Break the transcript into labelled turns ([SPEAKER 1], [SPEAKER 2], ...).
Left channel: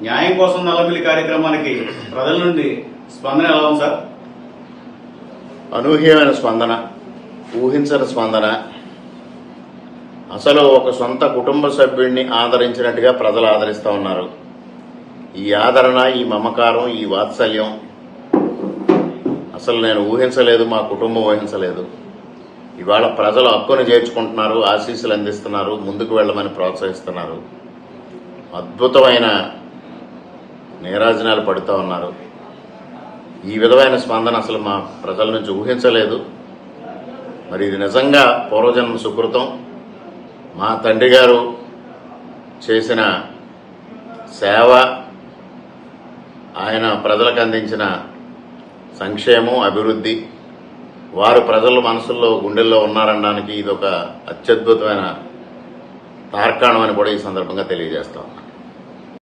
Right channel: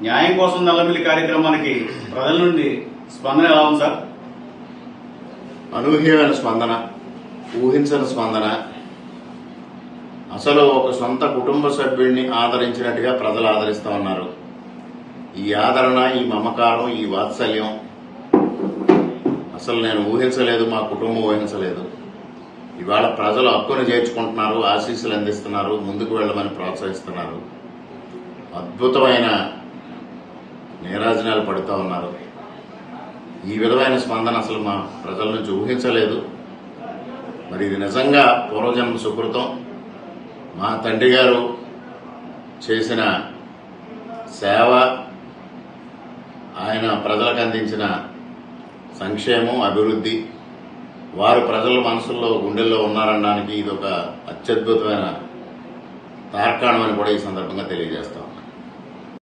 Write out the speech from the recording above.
[SPEAKER 1] న్యాయం కోసం నల్లమిల్లి కార్యక్రమానికి ప్రజల నుండి స్పందన ఎలా ఉంది సార్?
[SPEAKER 2] అనూహ్యమైన స్పందన ఊహించని స్పందన. అసలు ఒక సొంత కుటుంబ సభ్యుడిని ఆదరించినట్టుగా ప్రజలు ఆదరిస్తూ ఉన్నారు. ఈ ఆదరణ ఈ మమకారం ఈ వాత్సల్యం. అసలు నేను ఊహించలేదు మా కుటుంబం ఊహించలేదు. ఇవాళ ప్రజలు హక్కును చేర్చుకుంటున్నారు ఆశీస్సులు అందిస్తున్నారు ముందుకు వెళ్ళమని ప్రోత్సహిస్తున్నారు. అద్భుతమైన నీరాజనాలు పడుతూ ఉన్నారు. ఈ విధమైన స్పందన అసలు మా ప్రజల నుంచి ఊహించలేదు. మరి ఇది నిజంగా పూర్వజన్మ సుకృతం? మా తండ్రి గారు చేసిన సేవ ఆయన ప్రజలకు అందించిన సంక్షేమం అభివృద్ధి వారు ప్రజల మనసుల్లో గుండెల్లో ఉన్నారనడానికి ఇది ఒక అత్యద్భుతమైన తార్కాణం అని కూడా ఈ సందర్భంగా తెలియజేస్తా ఉన్నాను.